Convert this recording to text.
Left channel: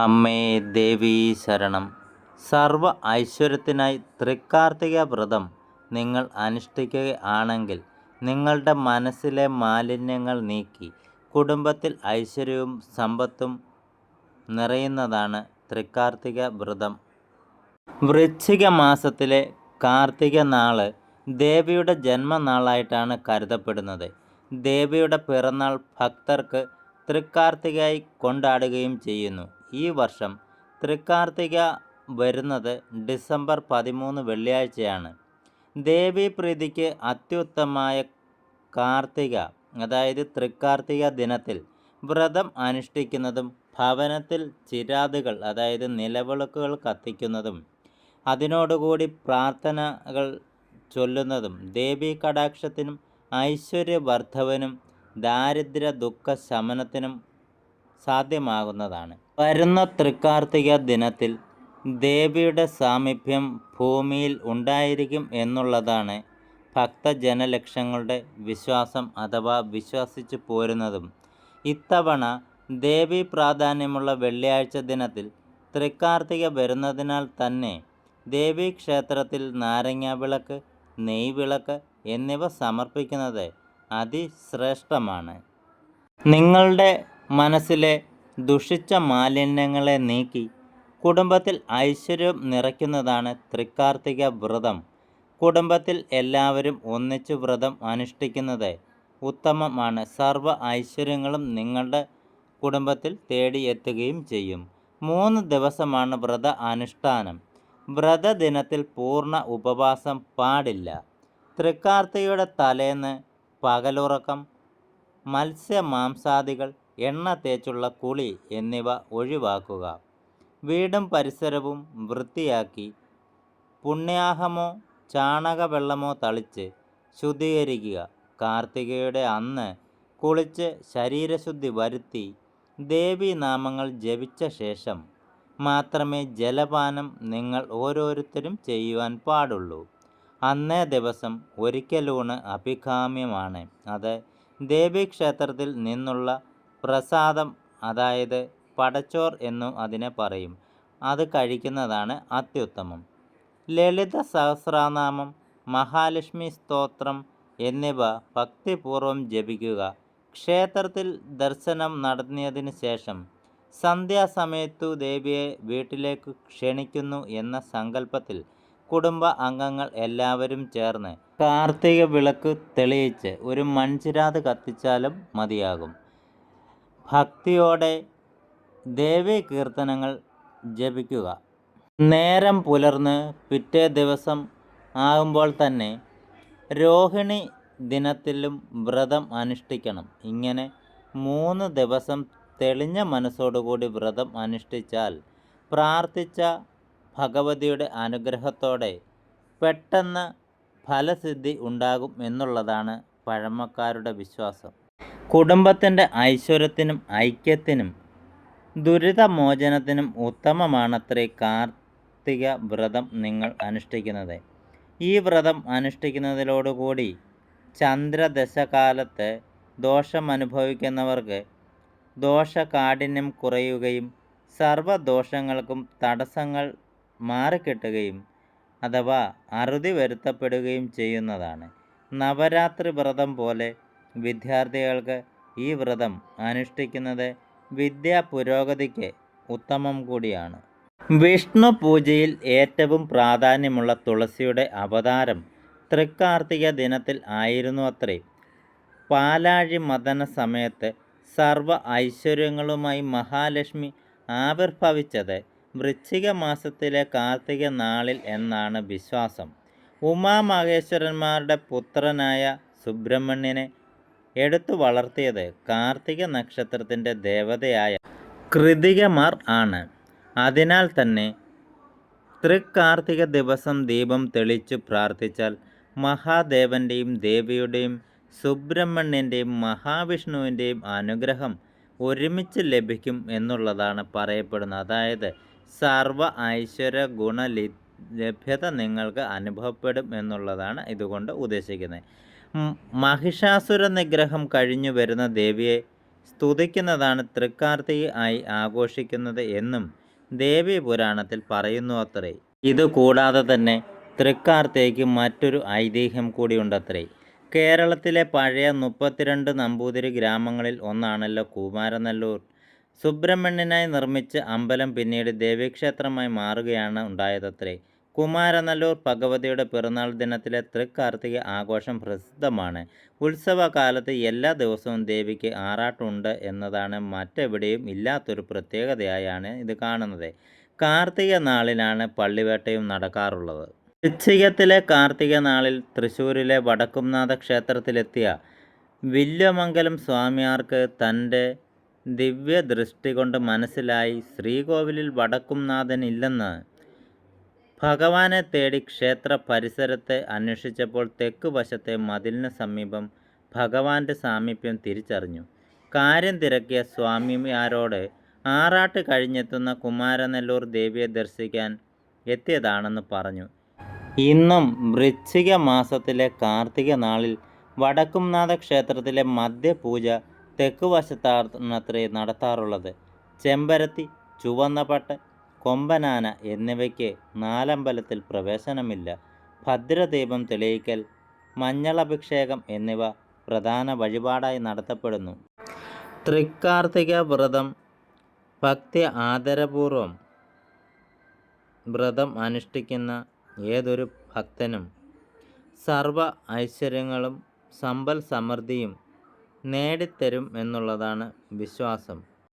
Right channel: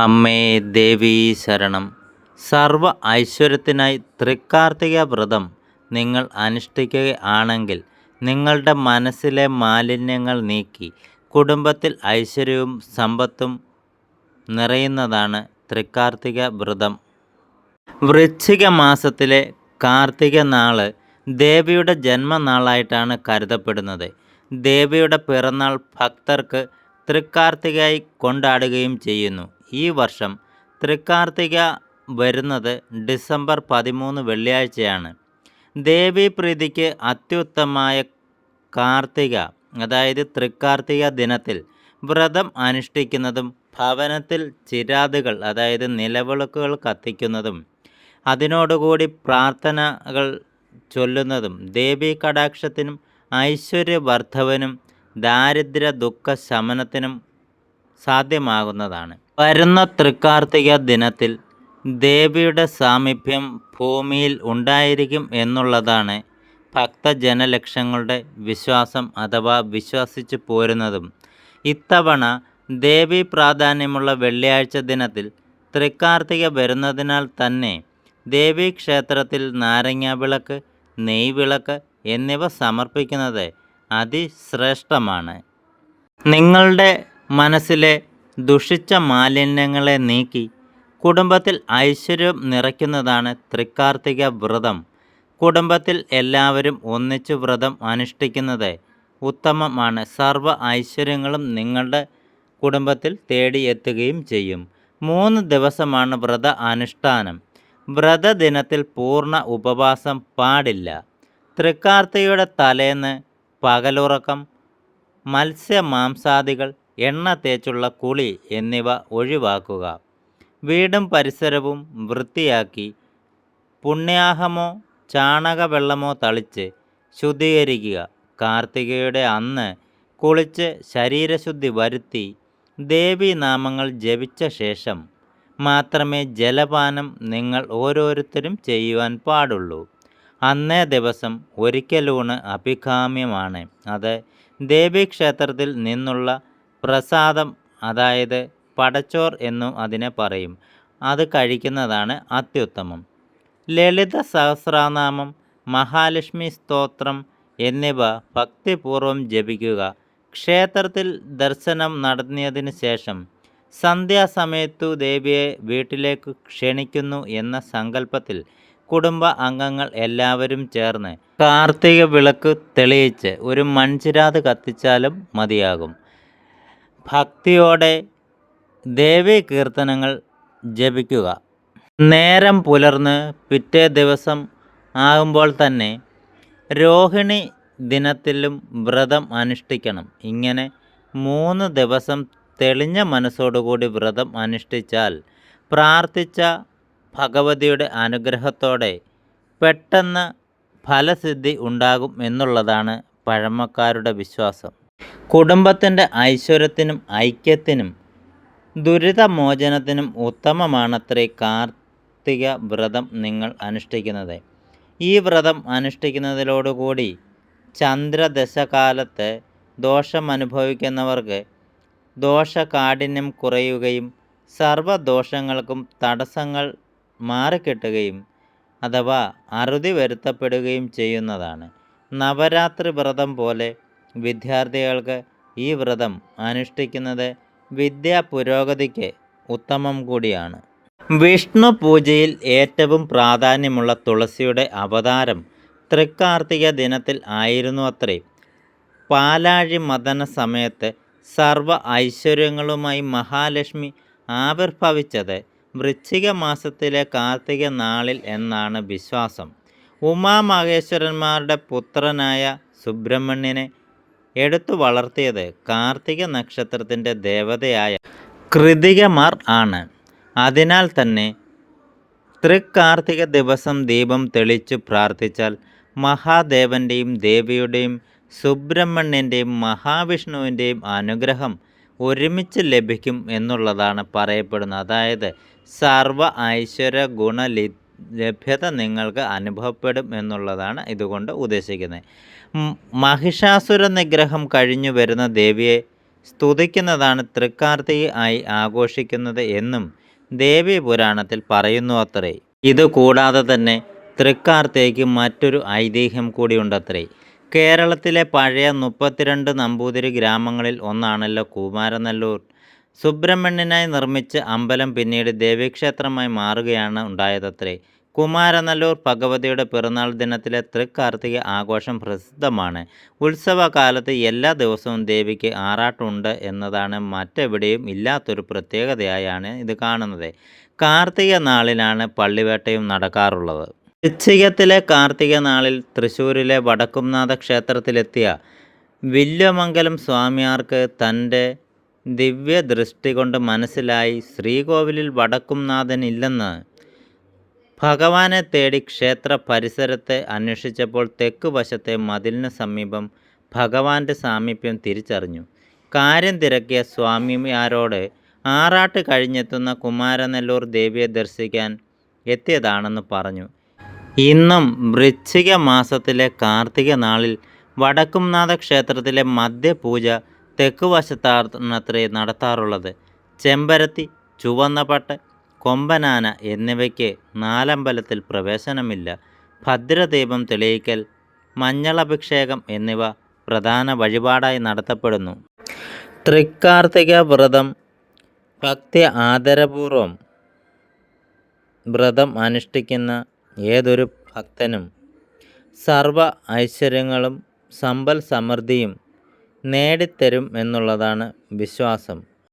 അമ്മേ ദേവീ ശരണം. സർവ ഐശ്വര്യത്തിനായി തൃക്കാർത്തിക വ്രതം നിങ്ങൾ അനുഷ്ഠിക്കുകയാണെങ്കിൽ നിങ്ങളുടെ മനസ്സിലെ മാലിന്യങ്ങൾ നീക്കി കുടുംബത്തിൽ ഐശ്വര്യവും സമ്പത്തും നിറയുന്നതാണ് തൃക്കാർത്തിക വ്രതം. വൃശ്ചിക മാസത്തിലെ കാർത്തിക നാൾ ദേവിയുടെ ജന്മനാളായിട്ടാണ് കരുതപ്പെടുന്നത്. ദേവിയുടെ പിറന്നാൾ ഭക്തർക്ക് തൃക്കാർത്തികയായി കൊണ്ടാടുകയും ചെയ്യുന്നു. ഈ വർഷം തൃക്കാർത്തിക വരുന്നത് ഡിസംബർ പതിമൂന്ന് വെള്ളിയാഴ്ചയാണ്. ദേവീപ്രീതിക്ക് അത്യുത്തമമായ കാർത്തിക അതായത് തൃക്കാർത്തിക ദിനത്തിൽ വ്രതം അനുഷ്ഠിക്കുന്നതും ഭവനത്തിൽ ചിരാതുകൾ അതായത് നിലവിളക്കുകൾ കത്തിക്കുന്നതും അതിനോടുകൂടി പ്രാർത്ഥനകൾ ചൊല്ലുന്നതും ദേവീ കടാക്ഷത്തിനും ഐശ്വര്യവർദ്ധവനും ദാരിദ്ര്യ ദുഃഖ ശമനത്തിനും സാധ്യമാകുന്നതാണ്. വരുന്ന തൃക്കാർത്തിക ദിനത്തിൽ ദേവിയുടെ സാമീപ്യം ഭൂമിയിൽ ഉണ്ടായിരിക്കും എന്നുള്ളതാണ് ഭക്തജനലക്ഷങ്ങളുടെ വിശ്വാസം അഥവാ വിശ്വസിച്ച് പോരുന്നതും. ഇത്തവണ ദേവി പ്രാധാന്യമുള്ള വെള്ളിയാഴ്ച ദിനത്തിൽ തൃക്കാർത്തിക വരുന്നതിനാൽ തന്നെ ദേവീക്ഷേത്രത്തിൽ നാരങ്ങ വിളക്ക് നെയ്വിളക്ക് എന്നിവ സമർപ്പിക്കുന്നത് അതിശ്രേഷ്ഠമാണ്. നിങ്ങളുടെ മനസ്സിലെ ദുഷിച്ച മാലിന്യങ്ങളെ നീക്കി കുടുംബത്തിൽ ഐശ്വര്യം നിറയ്ക്കുന്നതാണ് തൃക്കാർത്തിക വ്രതം. കുടുംബത്തിൽ എല്ലാവരും ഒന്നിച്ചു വ്രതം അനുഷ്ഠിക്കുന്നത് ഉത്തമമാണ്. സർവ ഐശ്വര്യങ്ങളും നിങ്ങളുടെ കുടുംബത്തിൽ തേടിയെത്തുകയും ചെയ്യും. മൂന്ന് ദിവസമാണ് വ്രത അനുഷ്ഠാനം. വ്രതദിനത്തിൽ പൂർണ ഉപവാസം പാടില്ല. തൃക്കാർത്തികയുടെ തലേന്ന് പകലുറക്കം മത്സ്യമാംസാദികൾ എണ്ണ തേച്ചുള്ള കുളി എന്നിവ ഒഴിവാക്കുക. വീടും പരിസരവും വൃത്തിയാക്കി പുണ്യാഹമോ ചാണകവെള്ളമോ തളിച്ച് ശുദ്ധീകരിക്കുക. കാർത്തികയുടെ അന്ന് കുളിച്ച് ശരീരശുദ്ധി വരുത്തി ദേവീനാമങ്ങൾ ജപിച്ച ശേഷം മാത്രമേ ജലപാനം നിങ്ങൾ ഓരോരുത്തരും ചെയ്യുവാൻ പാടുള്ളൂ. അന്നേ ദിവസം ഒരിക്കലൂണ് അഭികാമ്യമാണ്. അത് ദേവീക്ഷേത്രത്തിൽ നിന്നുള്ള പ്രസാദം അതായത് പടച്ചോർ എന്നും അതിനെ പറയും. അത് കഴിക്കുന്നതാണ് അത്യുത്തമം. ലളിത സഹസ്രനാമം മഹാലക്ഷ്മി സ്തോത്രം എന്നിവ ഭക്തിപൂർവം ജപിക്കുക. ക്ഷേത്രത്തിൽ ദർശനം നടത്തിയതിനു ശേഷം സന്ധ്യാസമയത്തു ദേവിയെ വീട്ടിലേക്ക് ക്ഷണിക്കുന്നു എന്ന സങ്കല്പത്തിൽ കുടുംബ അംഗങ്ങൾ എല്ലാവരും ചേർന്ന് കാർത്തിക വിളക്ക് തെളിയിച്ച് ഒരു മൺചിരാത് കത്തിച്ചാലും മതിയാകും. ഭക്തിയോടെ ദേവീ കീർത്തനങ്ങൾ ജപിക്കുക. നേരം പുലർന്ന് പിറ്റേ ദിവസം ആകുമ്പോൾ തന്നെ രോഹിണി ദിനത്തിലും വ്രതം അനുഷ്ഠിക്കണം. ഇങ്ങനെ മൂന്ന് ദിവസം തെളിഞ്ഞ മനസ്സോടുകൂടി വ്രതം അനുഷ്ഠിച്ചാൽ പ്രാർത്ഥിച്ച ഭഗവതിയുടെ അനുഗ്രഹത്തോടെ പെട്ടെന്ന് ഫലസിദ്ധി ഉണ്ടാകും എന്നുള്ളതാണ് പഴമക്കാരുടെ വിശ്വാസം. കുടുംബത്തിന്റെ ഐശ്വര്യത്തിനും ഐക്യത്തിനും ദുരിതമോചനത്തിനും ഉത്തമമാണത്രേ കാർത്തിക വ്രതം നിങ്ങൾ അനുഷ്ഠിക്കുന്നത്. ഈ വ്രതം അനുഷ്ഠിക്കുന്നതിലോടുകൂടി ചന്ദ്രദശകാലത്ത് ദോഷം അനുഭവിക്കുന്നവർക്ക് ദോഷകാഠിന്യം കുറയുകയും സർവദോഷങ്ങൾക്കും തടസ്സങ്ങൾ മാറിക്കിട്ടുകയും അഥവാ അറുതി വരുത്തപ്പെടുകയും ചെയ്യുന്നതാണ്. നവരാത്രി വ്രതം പോലെ വിദ്യാർത്ഥികൾക്ക് ഈ വ്രതം അനുഷ്ഠിക്കുന്നത് വിദ്യാ പുരോഗതിക്ക് ഉത്തമം കൂടിയാണ്. വിഷ്ണു പൂജയിൽ ഏറ്റവും പ്രാധാന്യമുള്ള തുളസിയുടെ അവതാരം തൃക്കാർത്തിക ദിനത്തിൽ ആയിരുന്നു അത്രേ. പാലാഴി മദന സമയത്ത് സർവ ഐശ്വര്യങ്ങളുമായി മഹാലക്ഷ്മി ആവിർഭവിച്ചത് വൃശ്ചിക മാസത്തിലെ കാർത്തിക നാളിൽ എന്നാണ് വിശ്വാസം. ഉമാമഹേശ്വരന്മാരുടെ പുത്രനായ സുബ്രഹ്മണ്യനെ എടുത്തു വളർത്തിയത് കാർത്തിക നക്ഷത്രത്തിന്റെ ദേവതയായ കൃതികമാർ ആണ്. അതിനാൽ തന്നെ തൃക്കാർത്തിക ദിവസം ദീപം തെളിച്ചു പ്രാർത്ഥിച്ചാൽ മഹാദേവന്റെയും ദേവിയുടെയും സുബ്രഹ്മണ്യന്റെയും മഹാവിഷ്ണുവിന്റെയും അനുഗ്രഹം ഒരുമിച്ച് ലഭിക്കും എന്നുള്ളതാണ് പറയപ്പെടുന്നത്. അതായത് സർവ ഐശ്വര്യ ഗുണലി ലഭ്യത നിങ്ങൾക്ക് അനുഭവപ്പെടും എന്നുള്ളതാണ് ഇതുകൊണ്ട് ഉദ്ദേശിക്കുന്നത്. മഹിഷാസുര നിഗ്രഹം കഴിഞ്ഞു വരുന്ന ദേവിയെ സ്തുതിക്കുന്നതാണ് തൃക്കാർത്തിക ആയി ആഘോഷിക്കുന്നത് എന്നും ദേവി പുരാണത്തിൽ പറയുന്നു അത്രേ. ഇത് കൂടാതെ തന്നെ തൃക്കാർത്തിക്ക് മറ്റൊരു ഐതിഹ്യം കൂടിയുണ്ടത്രേ കേരളത്തിലെ പഴയ മുപ്പത്തിരണ്ട് നമ്പൂതിരി ഗ്രാമങ്ങളിൽ ഒന്നാണല്ലോ കുമാരനല്ലൂർ. സുബ്രഹ്മണ്യനായി നിർമ്മിച്ച അമ്പലം പിന്നീട് ദേവീക്ഷേത്രമായി മാറുകയാണ് ഉണ്ടായതത്രേ. കുമാരനല്ലൂർ ഭഗവതിയുടെ പിറന്നാൾ ദിനത്തിലെ തൃക്കാർത്തിക ആഘോഷം പ്രസിദ്ധമാണ്. ഉത്സവകാലത്ത് എല്ലാ ദിവസവും ദേവിക്ക് ആറാട്ടുണ്ട് എന്നതാണ് മറ്റെവിടെയും ഇല്ലാത്തൊരു പ്രത്യേകതയായാണ് ഇത് കാണുന്നത്. കാർത്തിക നാളിലാണ് പള്ളിവേട്ടയും നടക്കാറുള്ളത്. വൃശ്ചികത്തിലെ കാർത്തിക നാളിൽ തൃശ്ശൂരിലെ വടക്കുംനാഥ ക്ഷേത്രത്തിലെത്തിയ വില്യമംഗലം സ്വാമിയാർക്ക് തന്റെ ദിവ്യദൃഷ്ടി കൊണ്ട് മനസ്സിലായി ശ്രീകോവിലിൽ വടക്കുംനാഥനില്ലെന്ന് ഭഗവാനെ തേടി ക്ഷേത്ര പരിസരത്തെ അന്വേഷിച്ചപ്പോൾ തെക്ക് വശത്തെ മതിലിന് സമീപം ഭഗവാന്റെ സാമീപ്യം തിരിച്ചറിഞ്ഞു. കാര്യം തിരക്കിയ സ്വാമിയാരോട് ആറാട്ട് കഴിഞ്ഞെത്തുന്ന കുമാരനെല്ലൂർ ദേവിയെ ദർശിക്കാൻ എത്തിയതാണെന്ന് പറഞ്ഞു. ഇന്നും വൃശ്ചിക മാസത്തിലെ കാർത്തിക നാളിൽ വടക്കുംനാഥ ക്ഷേത്രത്തിലെ മധ്യപൂജ തെക്ക് വശത്താണത്രേ നടത്താറുള്ളത്. ചെമ്പരത്തി ചുവന്നപട്ട് കൊമ്പനാന എന്നിവയ്ക്ക് നാലമ്പലത്തിൽ പ്രവേശനമില്ല. ഭദ്രദീപം തെളിയിക്കൽ മഞ്ഞളഭിഷേകം എന്നിവ പ്രധാന വഴിപാടായി നടത്തപ്പെടുന്നു. തൃക്കാർത്തിക വ്രതം ഭക്തി ആദരപൂർവം വ്രതം അനുഷ്ഠിക്കുന്ന ഏതൊരു ഭക്തനും സർവ ഐശ്വര്യങ്ങളും സമ്പൽ സമൃദ്ധിയും നേടിത്തരും എന്നുള്ളതാണ് വിശ്വാസം.